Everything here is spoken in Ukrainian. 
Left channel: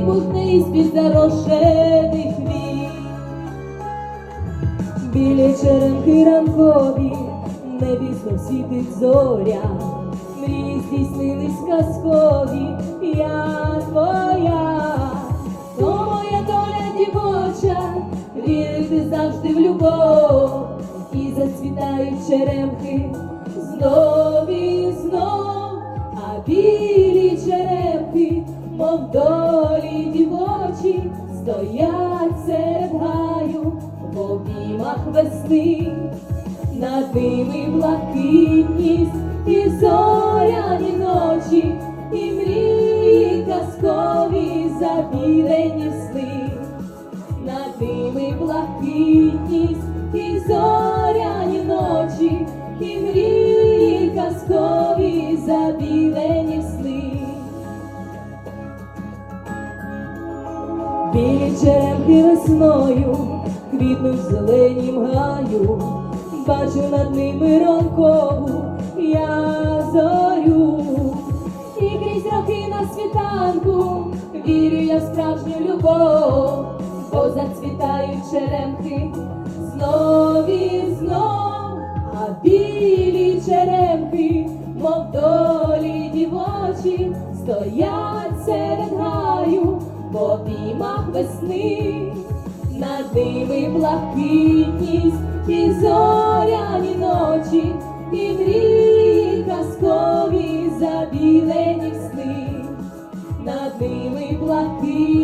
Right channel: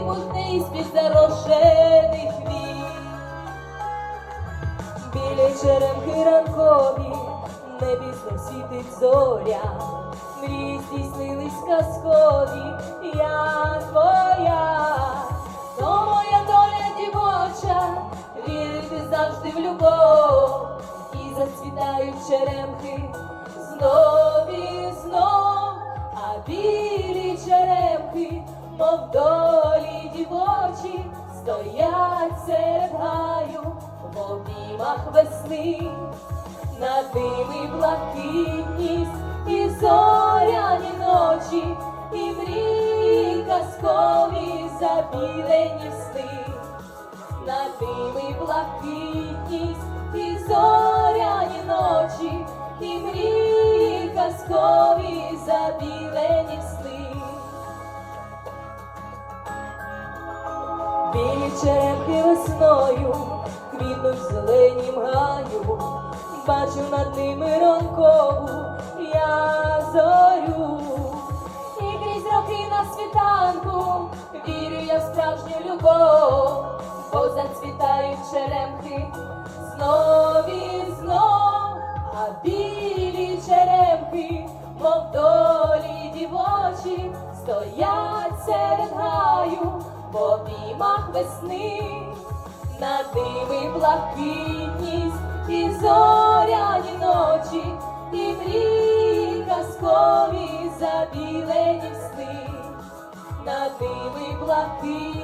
блакитність під зарошених вік. Білі черенки ранкові, в небі знов світить зоря, мрії здійснились казкові, я твоя, то моя доля дівоча, вірити завжди в любов, і зацвітають черемхи знов і знов, а мов долі дівочі, стоять серед гаю в обіймах весни, над ними блакитність і зоряні ночі, і мрії казкові забілені сни, над ними блакитність і зоряні Білі черемхи весною квітнуть в зеленім гаю, бачу над ними ранкову я зорю, і крізь роки на світанку вірю я в справжню любов, бо зацвітають черемхи знов і знов, а білі черемхи, мов долі дівочі, стоять серед гаю в обіймах весни, на диви блакитність і зоряні ночі, і мрії казкові забілені сни, на диви блакитність.